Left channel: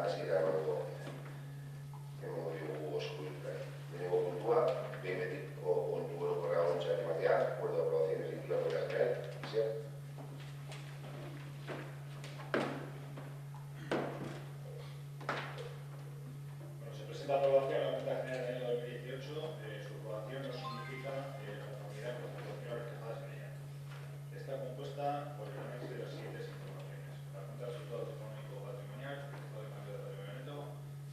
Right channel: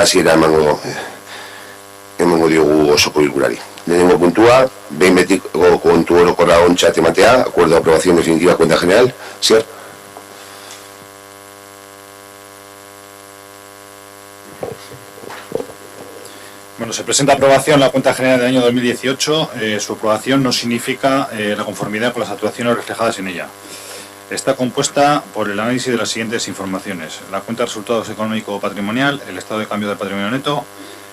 hasiera emango diogu osoko bilkurari. Lehenengo puntua, behin betiko kontu orokorra ontzat ematea, acuerdo de aprobación definitiva cuenta general. Sier. Bueno, se presenta a aprobación la cuenta general del año 2018. Su aprobación no significa la conformidad con las actuaciones reflejadas en ella. Está compuesta por el análisis de las siguientes informaciones: la cuenta de resultados económico-patrimonial, el estado de cambio del patrimonio neto,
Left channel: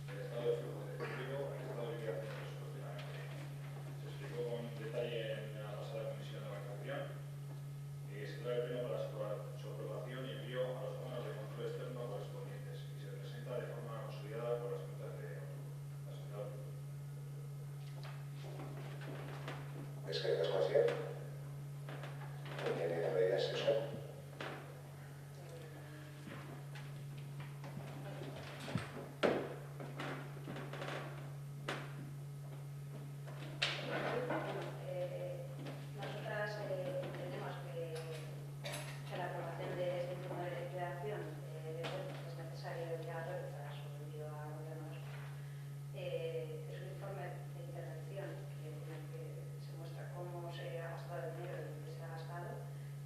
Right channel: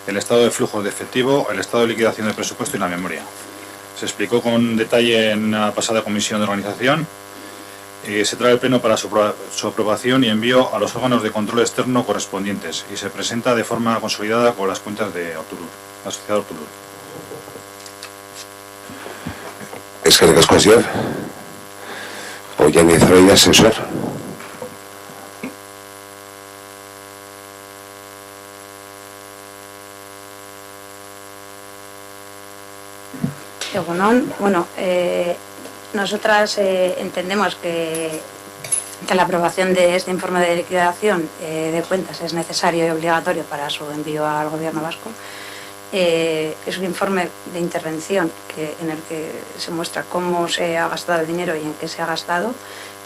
el estado de flujos de efectivo, el estado de liquidación del presupuesto y la memoria. Se explicó con detalle en la pasada comisión de organización. Se trae al Pleno para su aprobación y envío a los órganos de control externo correspondientes y se presenta de forma consolidada con las cuentas de Ortulur, la sociedad Ortulur. Eskerrik asko, Sier. Oian ezraida, sensor. Bueno, nosotras entendemos que la aprobación de este informe de liquidación de cuentas es necesario y obligatorio para su envío al Gobierno vasco. Es un informe de intervención en el que se muestra cómo se ha gastado el dinero y en qué se ha gastado.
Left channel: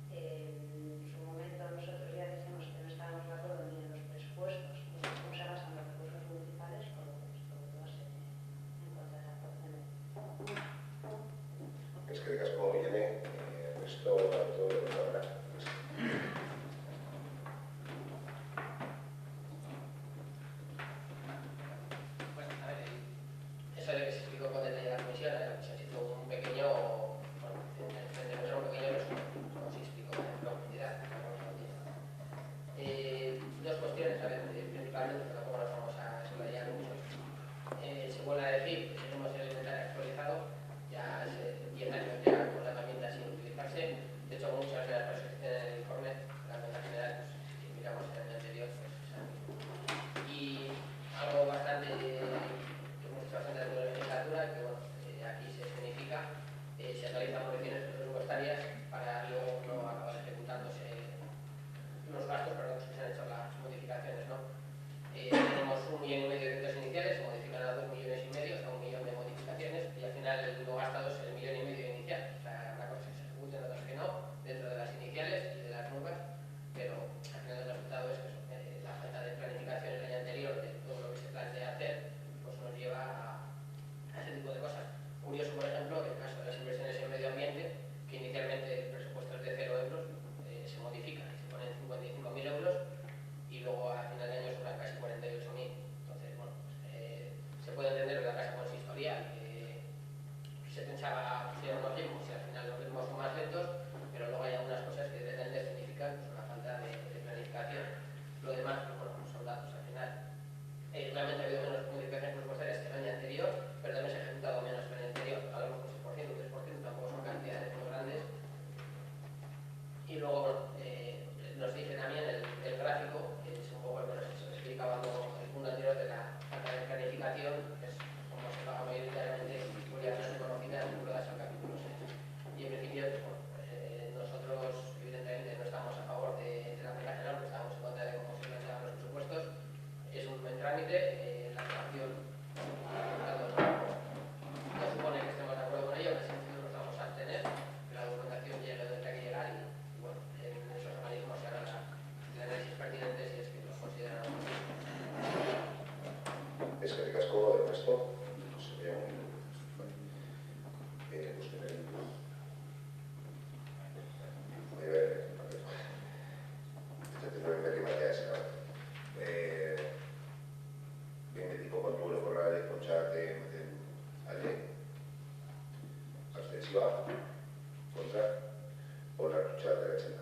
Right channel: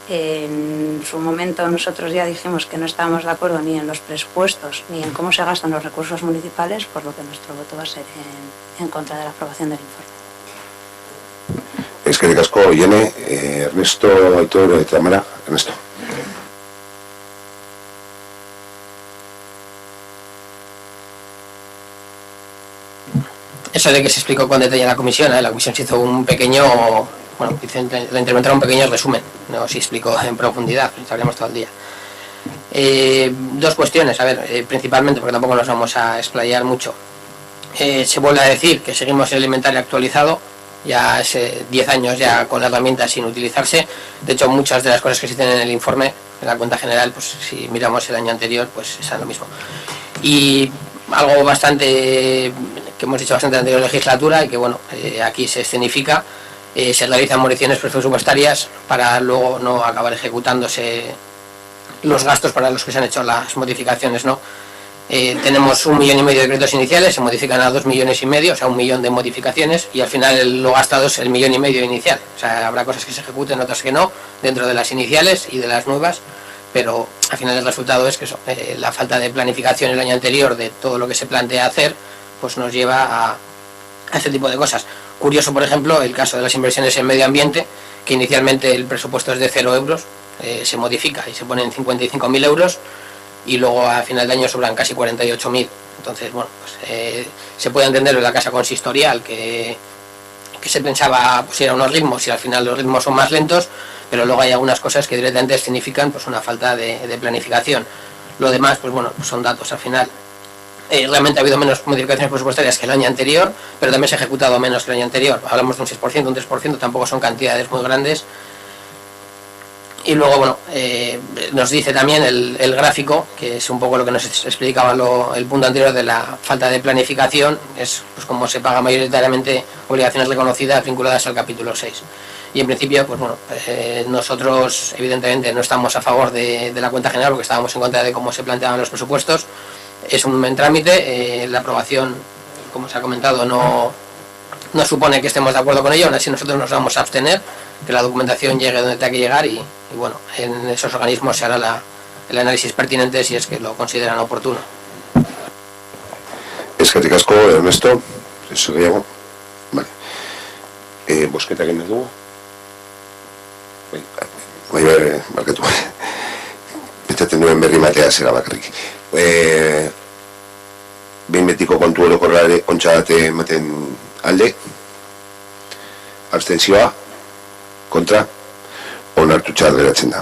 En su momento nosotros ya dijimos que no estábamos de acuerdo ni en los presupuestos ni en cómo se gastan los recursos municipales, por lo que nuestro voto va a ser en contra de la aprobación del informe. Eskerrik asko, Iene, Ernesto, Aitor, Tamara, Ernesto. Eso de que se explicó con detalle en la comisión se hizo un pequeño, bueno, la interventora un pequeño resumen, no se explicó en profundidad, estaríamos todo el día. Dos cuestiones, a ver, principalmente, porque tampoco nos vamos a explayar mucho. Se vuelve a decir que seguimos el inventario actualizado, ya hace 10 años ya con la herramienta sin utilizarse. De hecho, muchas de las cosas que se dicen en el informe, en la cuenta general, pues si miramos el año anterior, pues es lo mismo. Y algo bastante que hemos dicho bastante en la anterior legislatura y que bueno, aquí se escenifica, se realizan modificaciones presupuestarias para luego no acabar ejecutándose los gastos para los que se han hecho las modificaciones, ¿no? Tenemos 1,5 millones de decretos iniciales, se modifican a 2,5 millones, o sea 1 millón de modificaciones, y al final lo gastado es el 1,5 millones inicial. O sea, habrá cosas que se ejecuten, otras que no, dentro de las iniciales y de las nuevas, pero al final el resultado es que la falta de planificación el año anterior de todo lo que se plantea hacer, pues nos lleva a este tipo de cosas. Curioso, por ejemplo, el caso de las inversiones en medio ambiente, que inicialmente el presupuesto es de 0 euros, se modifica y se pone en 55.000 euros, y luego a final de año sobran casi 48.000. Entonces, bueno, pues, se puede entender en la casa consistorial que se pensaba pues ir a unos ritmos y al final los ritmos son más lentos, pero luego hay algunas cosas que directamente significan pues una falta de planificación. Lo demás, pues bueno, pues son datos al final. Realmente ha habido menos modificaciones presupuestarias que el año anterior, pero también se ha ejecutado menos que el año anterior. Hablamos de un 6%, un 3%, tampoco son cantidades muy grandes. Y luego, bueno, nos dice también el gráfico, que es un poco lo que nos explicaba el punto anterior de la falta de planificación, es pues como se paga mayoritariamente obligaciones reconocidas vinculadas al capítulo 6. Y en principio, pues bueno, nosotros evidentemente no estamos a favor de la cuenta general porque estábamos en contra de cómo se planteaban los presupuestos. Es un buen trámite, la aprobación, como se ha comentado, no supone que estemos de acuerdo con ello, aún así nosotros nos vamos a abstener, que la documentación llegue donde tenga que llegar y bueno, en esos organismos se hará el análisis pertinente si es que lo consideran oportuno. Eskerrik asko, Ernesto. Eso gehiago. Vale. Bosketa egin dugu? Bai, barkatu. Pentsatzen duen berri matea zera bakarrik. Behin betiko kontu orokorrare ontzat ematen alde. Abstentzioa. Kontra. Onartutzat geratzen da.